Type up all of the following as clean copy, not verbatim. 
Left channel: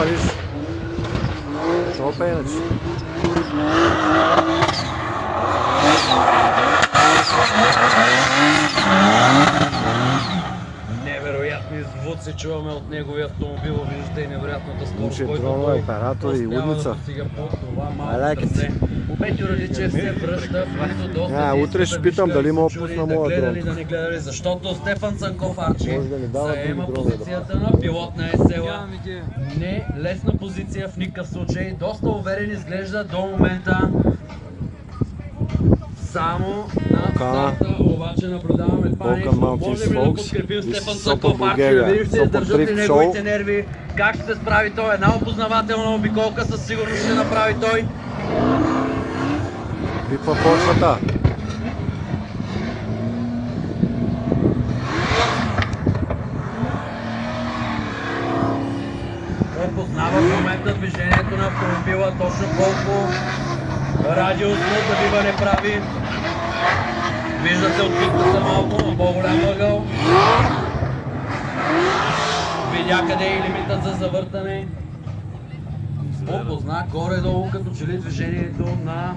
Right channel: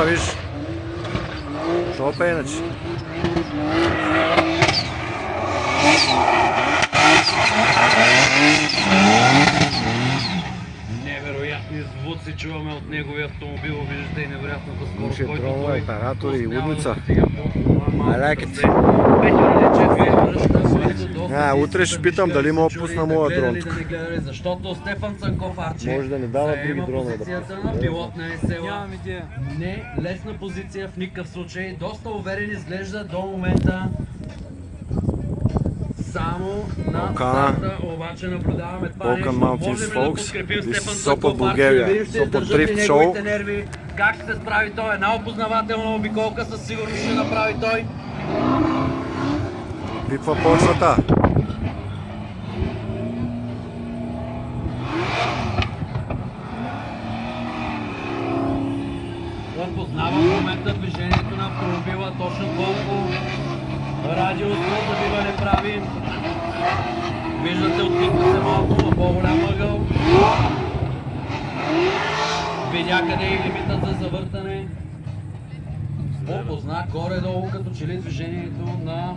дрона, виж. Шопа иначе. Невероятно звук се чуваме от неговия автомобил, виждате и невероятната скорост, Имаше който дронове, той оператори и лудница. I like it. Утре ще питам дали мога да пусна моя дрон. Защото Стефан Цанков Арчи Може да ни дава други заема дронове да позицията на пилот на СЛА. Не лесна позиция в никакъв случай. Доста уверен изглежда до момента. Само на старта, обаче наблюдаваме това нещо. Можем ли да подкрепим Стефан Цанков Арчи, да видим ще издържат ли неговите нерви, как ще се справи той. Една опознавателна обиколка със сигурност ще направи той. Пипва почвата. Той познава в момента движението на автомобила, точно колко радиус да бива не прави. Виждате, откритата се малко на по-голям ъгъл. Видя къде е лимитът за завъртане. Опозна горе-долу като че ли движението на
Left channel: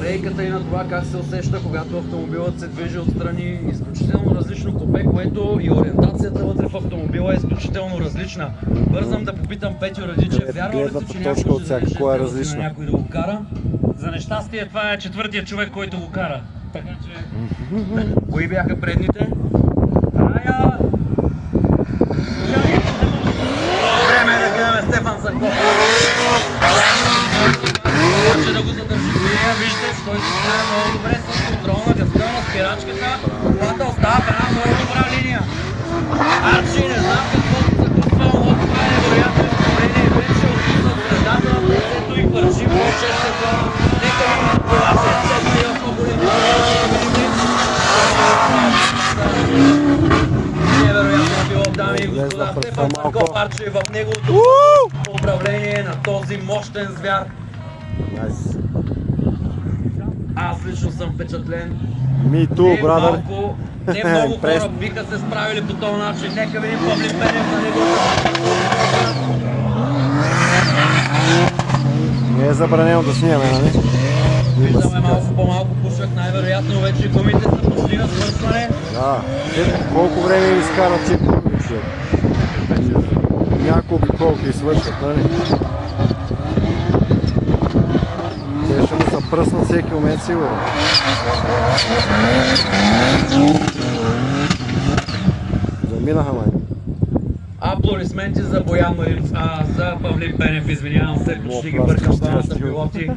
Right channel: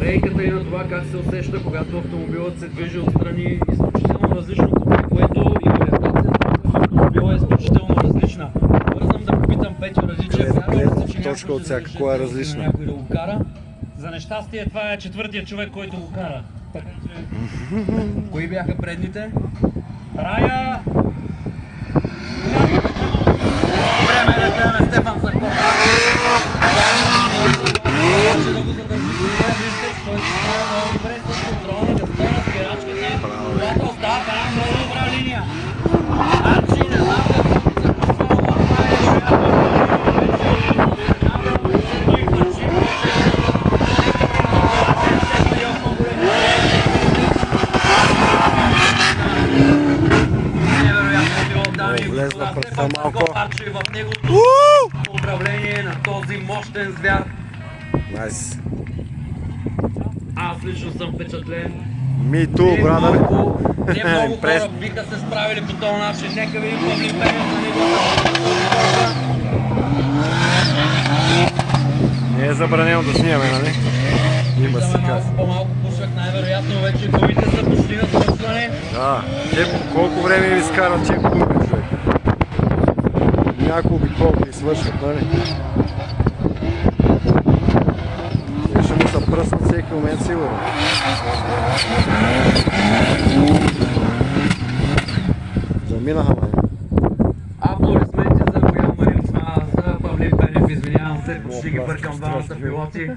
рейката и на това как се усеща, когато автомобилът се движи отстрани. Изключително различно купе, което и ориентацията вътре в автомобила е изключително различна. Бързам да попитам Петю Радичев, вярва ли се, че някой ще разреши на някой да го кара? За нещастие това е четвъртият човек, който го кара. Така че... Кои бяха предните? Рая! Време е да гледаме Стефан Цанков. Може да го задържи вие, виждате, че той се справя много добре с контрол на газта, на спирачката. Колата остава в една много добра линия. Арчи, не знам какво се гласува, но това е вероятно победен вече от състезател, но и държи повече нека на колата на същия по-големи. Невероятно било, дами и господа, Стефан Цанков Арчи в неговото управление на този мощен звяр. Найс. Аз лично съм впечатлен. Me too, brother. Не много хора биха се справили по този начин. Нека видим Павлин Пенев на неговата. Не е забранено да снимаме, нали? Виждаме малко по-малко пушек, най-вероятно вече гумите са почти на свършване. Да, колко време ни изкарат тези гуми, човек? Няколко обиколки и свършат, нали? Те ще му се пръснат всеки момент, сигурно. Заминаха, май. Аплодисменти за Боян Марин, за Павлин Пенев, извинявам се, почти ги бъркам двамата пилоти.